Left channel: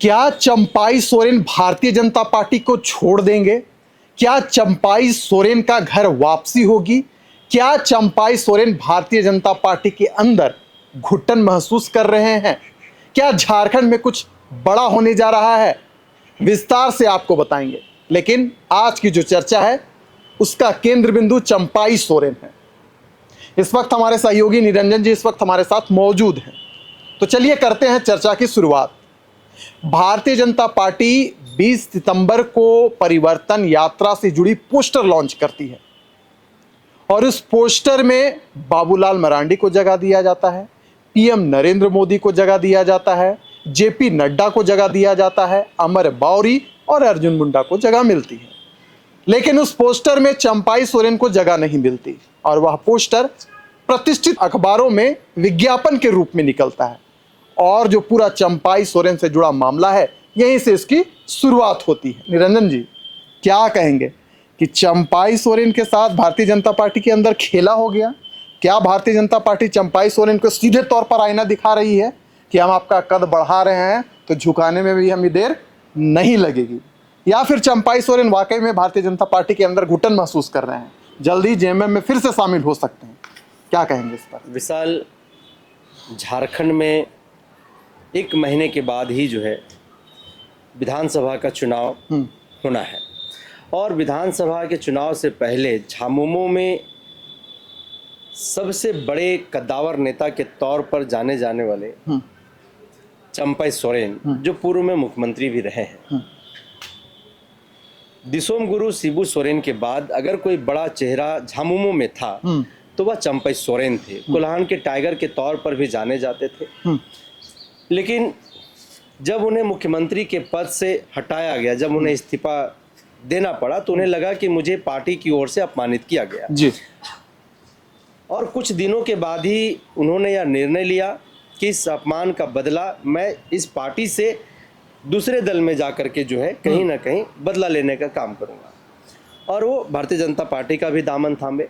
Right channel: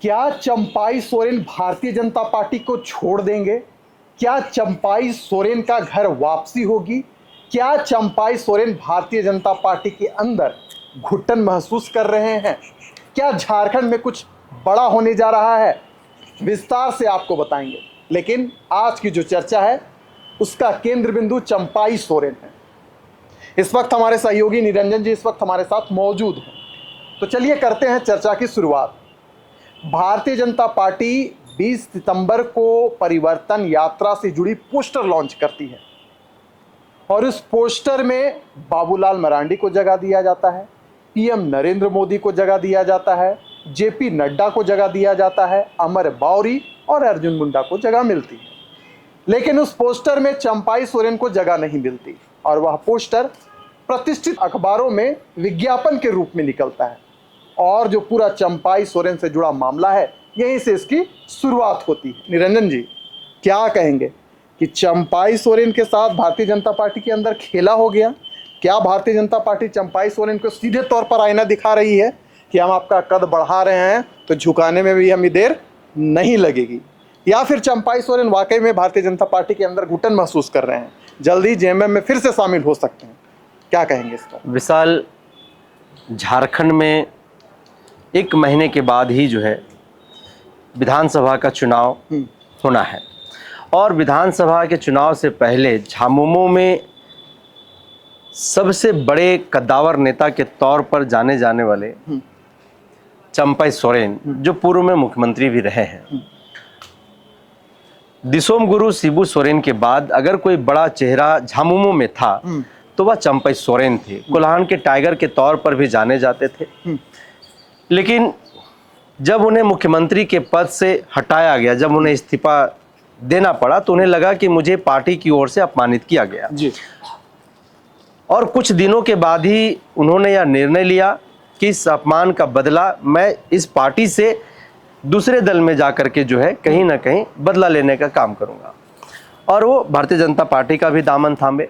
क्या चंपाई सोरेन भारतीय जनता पार्टी को छोड़ देंगे? क्या चंपाई सोरेन का घर वापसी होगी? क्या चंपाई सोरेन भारतीय जनता पार्टी के अंदर घुटन महसूस कर रहे हैं? क्या झारखंड में कुछ बड़ा होने जा रहा है? विस्तार से आपको बताएंगे, लेकिन आज की जो चर्चा है उसका केंद्र बिंदु चंपाई सोरेन है। इस वक्त हमारे सहयोगी निरंजन जी इस वक्त हमारे साथ मौजूद हैं। तो चलिए करते हैं चर्चा की शुरुआत। भारतीय जनता पार्टी 20 सितंबर को परिवर्तन यात्रा से जुड़ी पोस्टर लॉन्च करती है और इस पोस्टर में बाबूलाल मरांडी को जगह दिया जाता है, पीएम नरेंद्र मोदी को जगह दिया जाता है, जेपी नड्डा को जगह दिया जाता है, अमर बावरी और अर्जुन मुंडा को जगह मिलती है। लेकिन उस पोस्टर में चंपाई सोरेन को जगह नहीं मिलती और वह पोस्टर प्रतिष्ठित अखबारों में विज्ञापन के रूप में निकलता है और जो पूरा चंपाई सोरेन से जुड़ा मामला है यहीं से इसकी शुरुआत होती है। निरंजन जी क्या कहेंगे कि चंपाई सोरेन के साथ भारतीय जनता पार्टी के अंदर खेला हो गया? क्या भारतीय जनता पार्टी चंपाई सोरेन को सीधे तौर पर आईना दिखा रही है कि हम आपका कद बढ़ा रहे हैं तो झुकाने में भी हमें देर नहीं लगेगी, या फिर चंपाई सोरेन वाकई में भारतीय जनता पार्टी के अंदर घुटन महसूस कर रहे हैं, जल्दी जेएमएम में फिर से शामिल हो सकते हैं? क्या कहेंगे इस पर? विशाल, झारखंड में 1 महीने के बाद ही जो है विधानसभा का चुनाव होना है और विधानसभा के चुनाव से पहले झामुमो में सबसे बड़े कद्दावर नेता के तौर पर जाने जाने वाले चंपाई सोरेन, जो पूर्व में मुख्यमंत्री भी रहे हैं, दिसोम गुरु शिबू सोरेन के बाद अगर कोई बड़ा चेहरा झामुमो में था तो वह चंपाई सोरेन थे। कोल्हान के टाइगर के तौर पर भी जाने जाते थे। लेकिन जब उन्हें मुख्यमंत्री के पद से हटाया गया, जब उन्हें इस्तीफा देना पड़ा, तो उन्हें लगा कि मुझे पार्टी की ओर से अपमानित किया गया जी। और कुछ दिनों के बाद ही उन्होंने यह निर्णय लिया कि इस अपमान का बदला मैं इस पार्टी से दूसरे दल में जाकर के जो है कहीं ना कहीं बदला लेने का काम करूंगा और वो भारतीय जनता पार्टी का भी दामन थामे।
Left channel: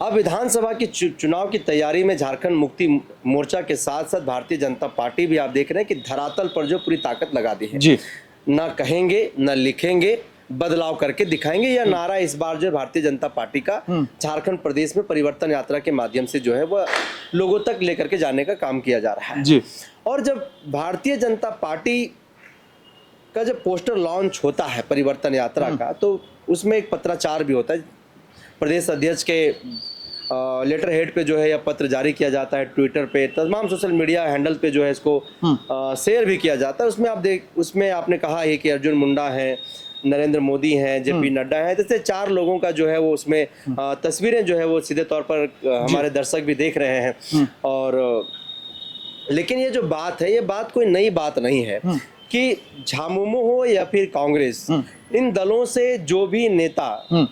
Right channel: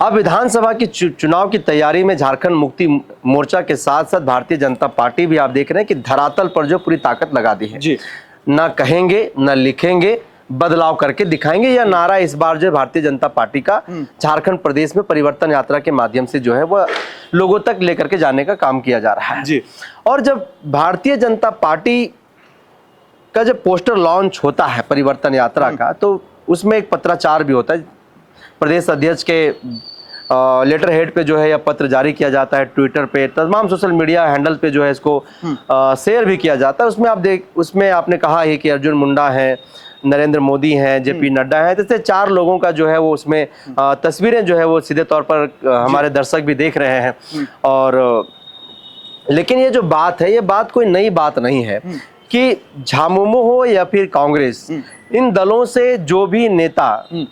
अब विधानसभा की चुनाव की तैयारी में झारखंड मुक्ति मोर्चा के साथ साथ भारतीय जनता पार्टी भी आप देख रहे हैं कि धरातल पर जो पूरी ताकत लगा दी है जी। ना कहेंगे ना लिखेंगे, बदलाव करके दिखाएंगे। यह नारा इस बार जो है भारतीय जनता पार्टी का झारखंड प्रदेश में परिवर्तन यात्रा के माध्यम से जो है वह लोगों तक लेकर के जाने का काम किया जा रहा है जी। और जब भारतीय जनता पार्टी का जब पोस्टर लॉन्च होता है परिवर्तन यात्रा का, तो उसमें एक पत्राचार भी होता है। प्रदेश अध्यक्ष के लेटर हेड पे जो है यह पत्र जारी किया जाता है, ट्विटर पे, तमाम सोशल मीडिया हैंडल पे जो है इसको शेयर भी किया जाता है। उसमें आपने कहा है कि अर्जुन मुंडा है, नरेंद्र मोदी हैं, जेपी नड्डा हैं, जैसे 4 लोगों का जो है वो उसमें तस्वीरें जो है वो सीधे तौर पर हमारे दर्शक भी देख रहे हैं। और लेकिन ये जो बात है, ये बात कोई नई बात नहीं है कि झामुमो हो या फिर कांग्रेस, इन दलों से जो भी नेता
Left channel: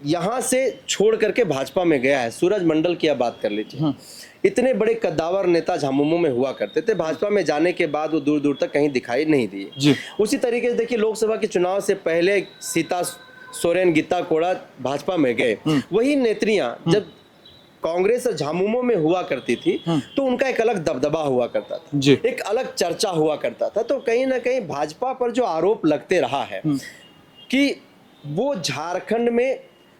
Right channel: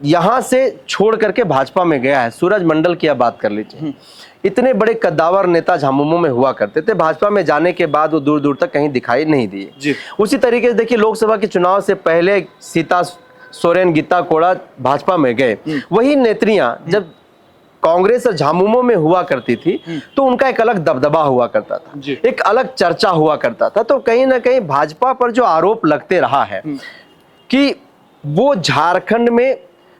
यहां से छोड़ करके भाजपा में गया है, सूरज मंडल की आप बात कर लीजिए, इतने बड़े कद्दावर नेता झामुमो में हुआ करते थे, भाजपा में जाने के बाद वो दूर दूर तक कहीं दिखाई नहीं दिए। उसी तरीके से देखिए लोकसभा के चुनाव से पहले सीता सोरेन, गीता कोड़ा भाजपा में गए, वही नेत्रियां जब कांग्रेस और झामुमो में हुआ करती थी तो उनका एक अलग दबदबा हुआ करता था, एक अलग चर्चा हुआ करता था। तो कहीं ना कहीं भाजपा पर जो आरोप लगते रहा है कि वो झारखंड में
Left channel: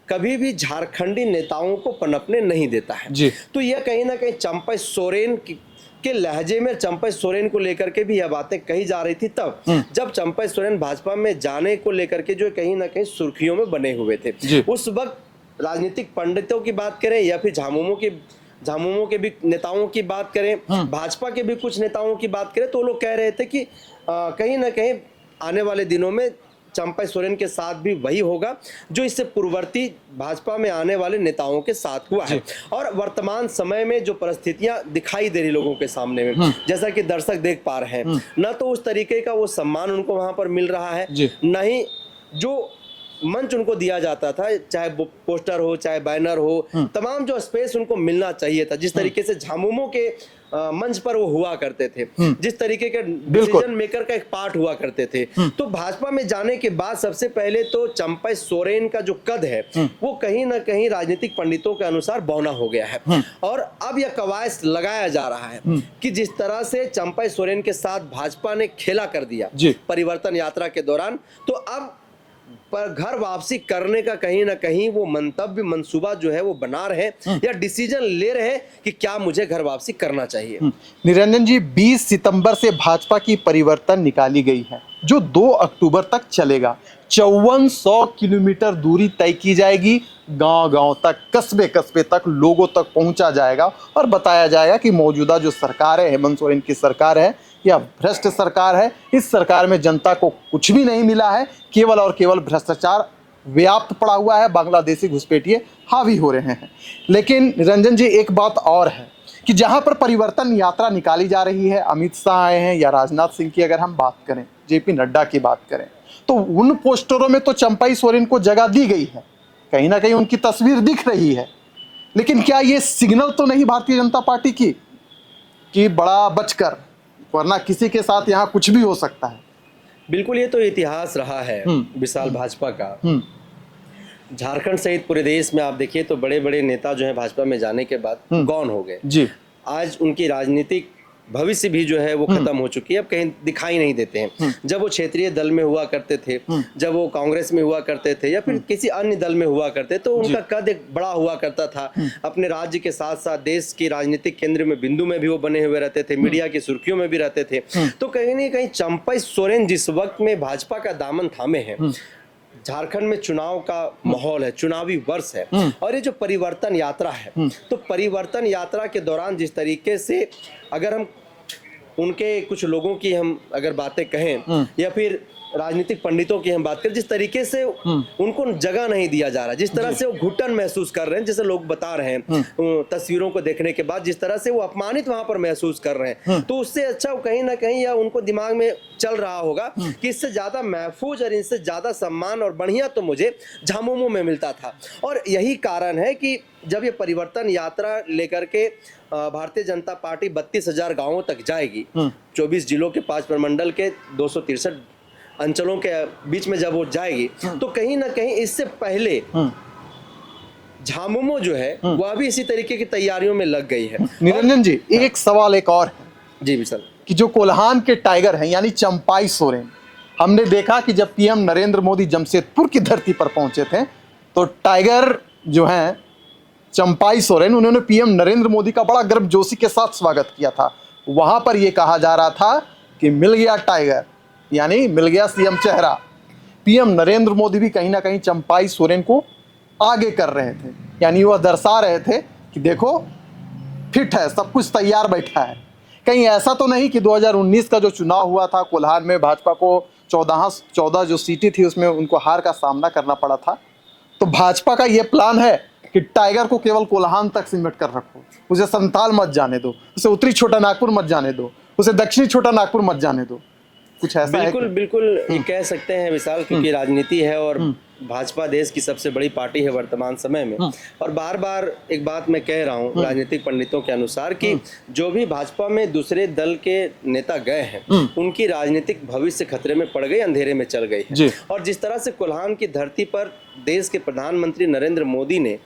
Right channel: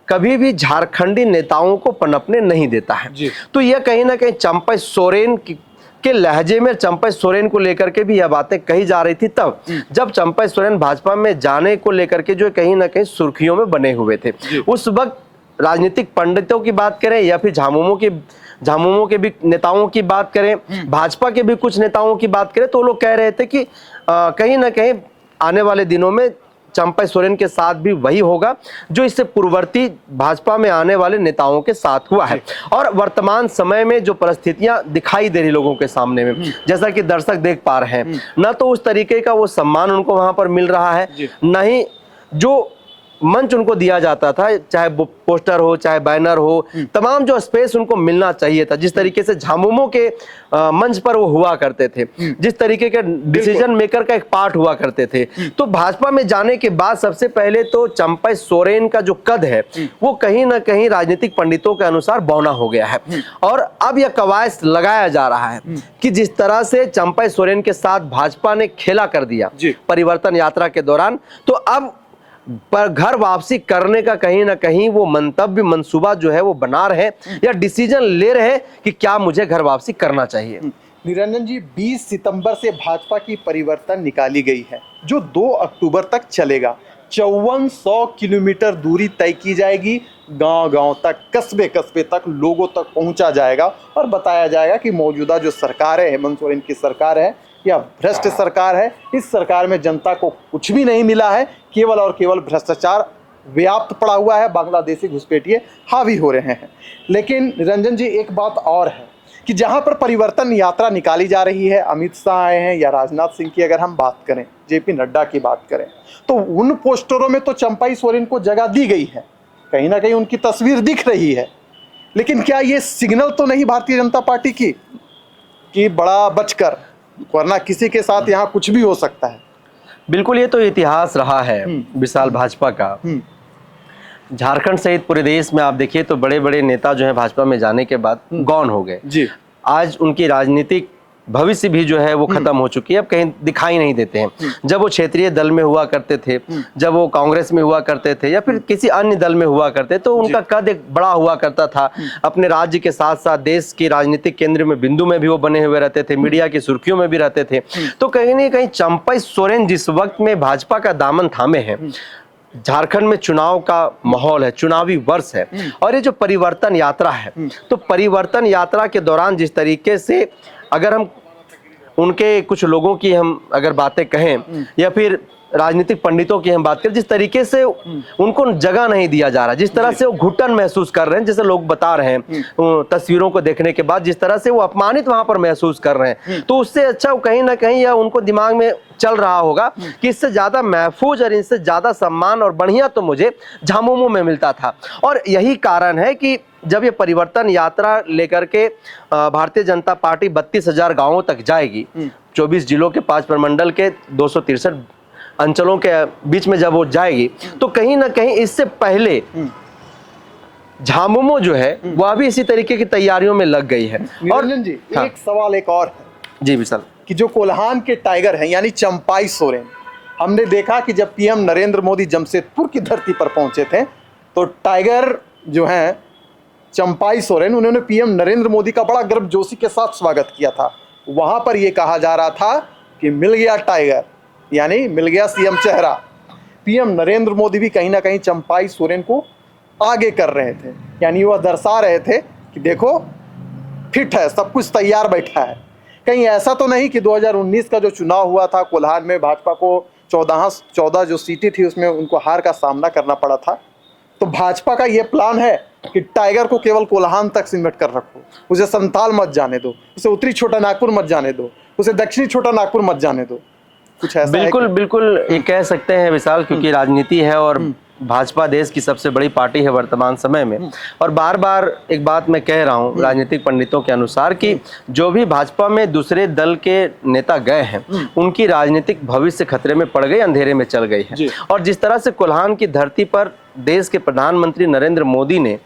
कभी भी झारखंडी नेताओं को पनपने नहीं देता है, तो यह कहीं ना कहीं चंपाई सोरेन के लहजे में चंपाई सोरेन को लेकर के भी यह बातें कही जा रही थी तब जब चंपाई सोरेन भाजपा में जाने को लेकर के जो कहीं ना कहीं सुर्खियों में बने हुए थे। उस वक्त राजनीतिक पंडितों की बात करें या फिर झामुमो के भी नेताओं की बात करें, भाजपा के भी कुछ नेताओं की बात करें, तो लोग कह रहे थे कि कहीं ना कहीं आने वाले दिनों में चंपाई सोरेन के साथ भी वही होगा जो इससे पूर्ववर्ती भाजपा में आने वाले नेताओं के साथ हुआ है। और वर्तमान समय में जो परिस्थितियां दिखाई दे रही लोगों के सामने में, जैसा कि दर्शक देख पा रहे हैं, ना तो उस तरीके का वो सम्मान उनको वहां पर मिल रहा है, न ही जो मंच उनको दिया जाता था, चाहे पोस्टर हो चाहे बैनर हो, तमाम जो स्पेस उनको मिलना चाहिए था, जिस तरीके से झामुमो के मंच पर वो हुआ करते थे, जिस तरीके के डिसीजन मेकर का एक पार्ट हुआ करते थे। तो भाजपा में जाने के बाद सबसे पहले तो चंपई सोरेन का जो कद है वो कहीं ना कहीं राजनीतिक पंडितों के अनुसार बौना हो गया है, और अब यह कवायद लगाया जा रहा है कि जिस तरह से चंपई सोरेन के साथ भाजपा ने खेला कर दिया परिवर्तन यात्रा के दौरान, तो अब पर घर वापसी करने का कहीं ना कहीं वो मंतव्य मंसूबा जो है वो बना रहे या डिसीजन ले रहे कि क्या मुझे घर वापसी करना चाहिए। निरंजन जी, 20 सितंबर से भाजपा की परिवर्तन निकाली गई है जो 2 अक्टूबर तक चलेगा। 5400 किलोमीटर दूरी तय की जाएगी, गांव-गांव तक, कस्बे-कस्बे तक लोगों तक पहुंचा जाएगा और बताया जाएगा कि मौजूदा जो सरकार है, हेमंत सोरेन की सरकार है या भ्रष्ट सरकार है, इस सरकार में जनता को कुछ भी नहीं मिला है, केवल और केवल भ्रष्टाचार व्याप्त पड़ा हुआ है, बांग्लादेशी घुसपैठिए हावी हो रहे हैं। लेकिन निरंजन जी, एक बात और है कि जहां पर परिवर्तन यात्रा निकाली जा रही है, अमित शाह आए हैं या राजनाथ सिंह की अगर हम बात करें, जेपी नड्डा की बात करें, तो उन पोस्टरों में तो चंपई सोरेन को जगह दी गई है, कहीं ना कहीं उनकी तस्वीर दिख रही है। लेकिन क्या ये सिग्नल तो नहीं भारतीय जनता पार्टी की कि बड़ा बचकर, वरना किसी के साथ यहाँ कुछ भी हो सकता है। बिल्कुल, ये तो इतिहास रहा है विशाल भाजपा का। झारखंड सहित पूरे देश में आप देखिए तो बड़े बड़े नेता जो है भाजपा में जाने के बाद गौन हो गए जी। आज उनकी राजनीतिक भविष्य भी जो है वो खत्म हो चुकी है, अब कहीं दिखाई नहीं देते हैं। जब वो क्षेत्रीय दल में हुआ करते थे, जब वो कांग्रेस में हुआ करते थे या फिर किसी अन्य दल में हुआ करते, तो उनका कद एक बड़ा हुआ करता था। अपने राज्य के साथ साथ देश की राजनीतिक केंद्र में, बिंदु में भी वो बने हुए रहते थे, मीडिया की सुर्खियों में भी रहते थे। तो कहीं ना कहीं चंपई सोरेन जिस वक्त में भाजपा का दामन थामे हैं, झारखंड में चुनाव का माहौल है, चुनावी वर्ष है, और ये जो परिवर्तन यात्रा है, तो परिवर्तन यात्रा के दौरान जिस तरीके से अगर हम उनके कुछ लोगों की हम अगर बातें कहें या फिर राजनीतिक पंडितों की हम बात करें, जिस तरीके से उनको जगह नहीं दिया जा रहा, जिस तरह से वो घुटन महसूस कर रहे हैं, जैसे लोग बता रहे हैं तस्वीरों को देखने के बाद, जिस तरह से वो अपमानित वहां पर महसूस कर रहे हैं, तो उससे अच्छा कहीं ना कहीं या उनको दिमाग में चल रहा होगा कि इससे ज्यादा महफूज और इससे ज्यादा सम्मान और बढ़िया तो मुझे झामुमो में मिलता था। और यही कारण है कि जब ये परिवर्तन यात्रा लेकर के भारतीय जनता पार्टी 32,000 गांवों तक जाएगी, 24 जिलों के 5 प्रमंडल के 263 अंचलों के बीच में जब वो जाएगी, तो कहीं ना कहीं इससे पहले झामुमो जो है वह भी इसी तरीके की तैयारियों में लग गई है। निरंजन जी, एक सवाल एक और है जी विशाल, कि जो कोल्हान के टाइगर हैं यानी चंपई सोरेन, हमने देखा कि जब पीएम नरेंद्र मोदी जमशेदपुर की धरती पर पहुंचे थे, तो टाइगर जो हैं चंपई सोरेन, उन्होंने पीएम नरेंद्र मोदी का बड़ा गर्मजोशी के साथ स्वागत किया था। वहां पर यह कहा जा रहा था कि मिल गया टाइगर, यानी मिल गया सीएम चेहरा। पीएम नरेंद्र मोदी भी कहीं ना कहीं चंपई सोरेन को आगे कर रहे थे, यानी वह दर्शा रहे थे कि देखो फिट है, सब कुछ तैयार बैठा है। कहीं ऐसा तो नहीं कि 2019 का जो चुनाव हुआ था कोल्हान में, भाजपा को 14 जो सीटें थी उसमें उनको हार का सामना करना पड़ा था। तो भाजपा का यह प्लान है कि टाइगर को केवल कोल्हान तक सिमट कर रखो, उसे संथाल मत जाने दो, उसे उत्तरी छोटा नागपुर मत जाने दो, उसे दक्षिणी छोटा नागपुर मत जाने दो। कुछ ऐसा बिल्कुल बिल्कुल ये कह सकते हैं विशाल, क्योंकि राजनीति है और भाजपा देश की सबसे बड़ी पार्टी है वर्तमान समय में। और बार बार एक बात मैं कह रहा हूँ राजनीतिक पंडितों के अनुसार कि जो भी भाजपा में दूसरे दल के नेता गए हैं, उनकी राजनीतिक भविष्य खतरे में पड़ गई, अंधेरे में चल गई है। और जिस तरह से कोल्हान की धरती पर देश के प्रधानमंत्री नरेंद्र मोदी ने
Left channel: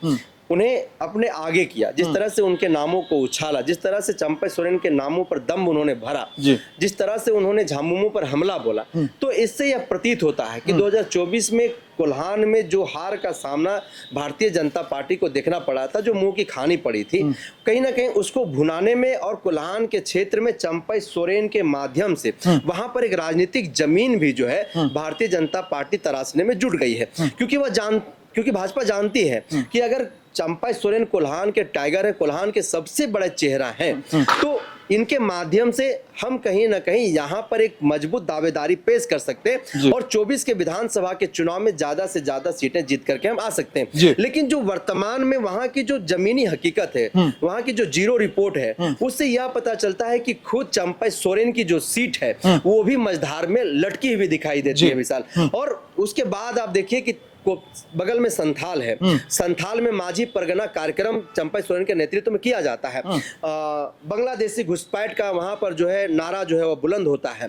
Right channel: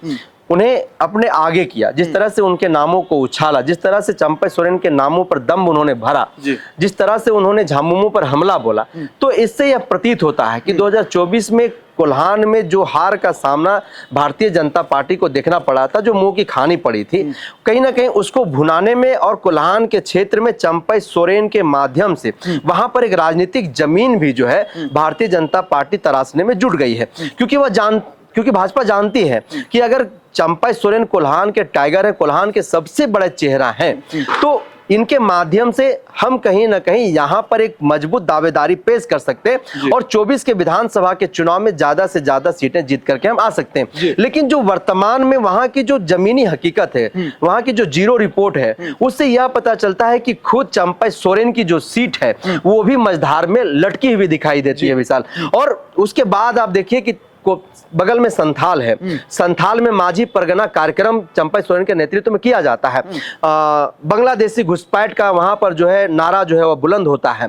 उन्हें अपने आगे किया, जिस तरह से उनके नामों को उछाला, जिस तरह से चंपई सोरेन के नामों पर दम उन्होंने भरा, जिस तरह से उन्होंने झामुमो पर हमला बोला, तो इससे यह प्रतीत होता है कि 2024 में कोल्हान में जो हार का सामना भारतीय जनता पार्टी को देखना पड़ा था, जो मुंह की खानी पड़ी थी, कहीं ना कहीं उसको भुनाने में और कोल्हान के क्षेत्र में चंपई सोरेन के माध्यम से वहां पर एक राजनीतिक जमीन भी जो है भारतीय जनता पार्टी तराशने में जुट गई है। क्योंकि भाजपा जानती है कि अगर चंपई सोरेन कोल्हान के टाइगर है, कोल्हान के सबसे बड़े चेहरा हैं, तो इनके माध्यम से हम कहीं ना कहीं यहाँ पर एक मजबूत दावेदारी पेश कर सकते हैं और 24 के विधानसभा के चुनाव में ज्यादा से ज्यादा सीटें जीत करके हम आ सकते हैं। लेकिन जो वर्तमान में वहां की जो जमीनी हकीकत है, वहां की जो जीरो रिपोर्ट है, उससे यह पता चलता है कि खुद चंपई सोरेन की जो सीट है वो भी मझधार में लटकी हुई दिखाई देती है विशाल। और उसके बाद आप देखिए कि को बगल में संथाल है, संथाल में माझी परगना कार्यक्रम चंपा सोरेन के नेतृत्व में किया जाता है। बांग्लादेशी घुसपैठ का वहां पर जो है नारा जो है वो बुलंद होता है।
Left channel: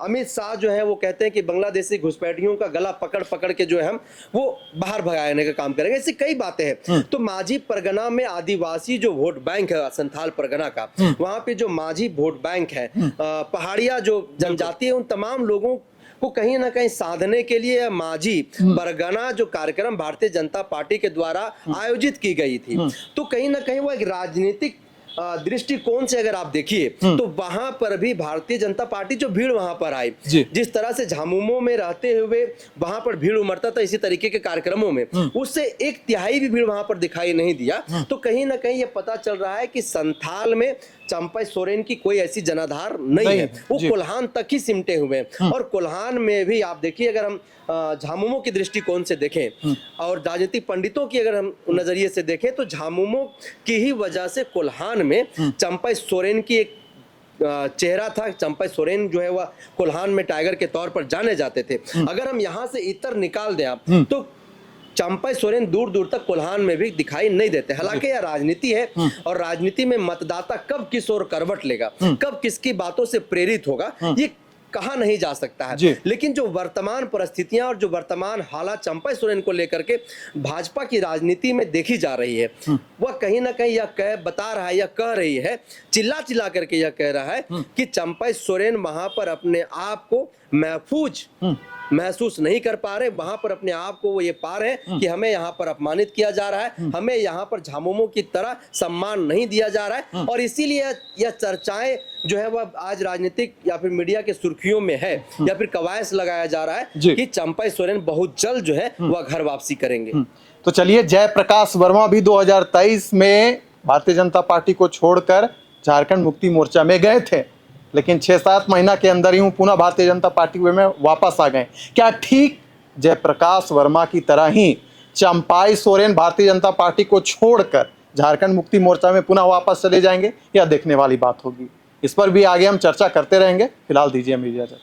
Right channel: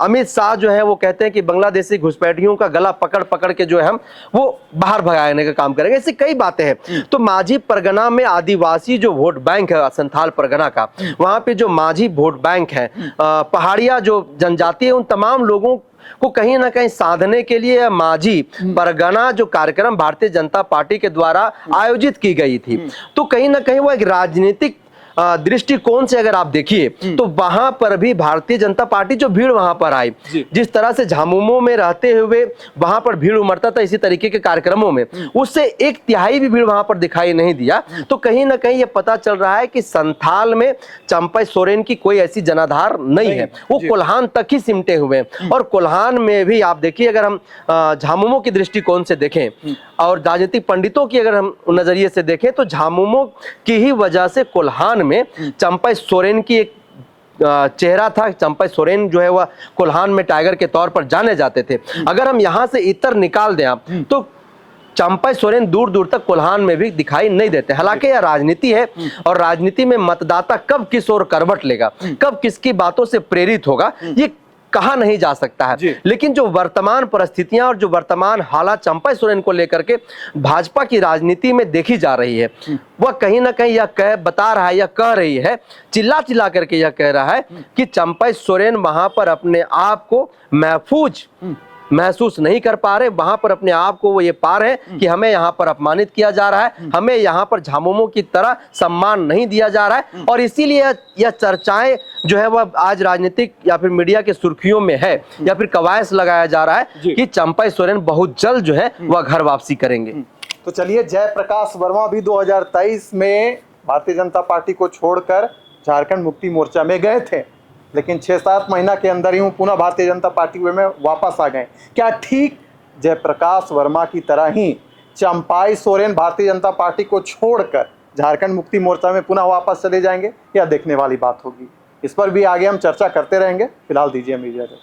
अमित शाह जो है वो कहते हैं कि बांग्लादेशी घुसपैठियों का गला पकड़ पकड़ के जो है हम वो बाहर भगाने का काम करेंगे। ऐसी कई बातें हैं। तो माझी परगना में आदिवासी जो वोट बैंक है संथाल परगना का, वहां पे जो माझी वोट बैंक है, पहाड़िया जो जनजाति है, उन तमाम लोगों को कहीं ना कहीं साधने के लिए माझी परगना जो कार्यक्रम भारतीय जनता पार्टी के द्वारा आयोजित की गई थी, तो कहीं ना कहीं वो एक राजनीतिक दृष्टिकोण से अगर आप देखिए तो वहां पर भी भारतीय जनता पार्टी जो भीड़ वहां पर आई, जिस तरह से झामुमो में रहते हुए वहां पर भीड़ उमड़ता था इसी तरीके के कार्यक्रमों में, उससे 1/3 भी भीड़ वहां पर दिखाई नहीं दिया। तो कहीं ना कहीं ये पता चल रहा है कि संथाल में चंपा सोरेन की कोई ऐसी जनाधार नहीं है, वो कोल्हान तक ही सिमटे हुए हैं। और कोल्हान में भी आप देखिए, अगर हम झामुमो की दृष्टिकोण से देखें और राजनीतिक पंडितों की अगर हम नजरिए से देखें, तो झामुमो की ही वजह से कोल्हान में चंपा सोरेन की एक चेहरा था। चंपा सोरेन जो है वह कोल्हान में टाइगर के तौर पर जाने जाते थे। अगर हम यहां से इतर निकाल दें आप, तो चंपा सोरेन दूर दूर तक कोल्हान में भी दिखाई नहीं देते। हालांकि यह राजनीति है और राजनीति में मतदाता कब किस ओर करवट लेगा, कब किसकी बातों से प्रेरित होगा, ये कहा नहीं जा सकता है। लेकिन जो वर्तमान परिस्थितियां और जो वर्तमान हालात चंपा सोरेन को लेकर के भाजपा की राजनीति में देखी जा रही है, वह कहीं ना कहीं यह बता रहा है, यह कह रही है, चिल्ला चिल्ला करके यह कह रहा है कि चंपा सोरेन वहां पर अपने आप को महफूज महसूस नहीं कर पा रहे। वहां पर अपने आप को वो ये पा रहे हैं कि हमें यहाँ पर अपमानित किया जा रहा है, हमें यहाँ पर झामुमो की तरह सम्मान नहीं दिया जा रहा है। और इसीलिए यह चर्चाएं जो है वह आज राजनीतिक या फिर मीडिया के सुर्खियों में है, या फिर कवायद लगाया जा रहा है कि चंपा सोरेन बहुत जल्द जो है वह घर वापसी करेंगे। तो चलिए, जयप्रकाश वर्मा भी 2023 में भारतीय जनता पार्टी को छोड़कर झारखंड मुक्ति मोर्चा में गए थे, लेकिन 6-7 महीना के अंदर ही पुनः भारतीय जनता पार्टी में वापस आ गए। क्या ठीक जयप्रकाश वर्मा की तरह ही चंपाई सोरेन भारतीय जनता पार्टी को छोड़कर झारखंड मुक्ति मोर्चा में पुनः वापस चले जाएंगे? यह देखने वाली बात होगी। इस पर भी आगे हम चर्चा करते रहेंगे। फिलहाल दीजिए मुझे इजाजत।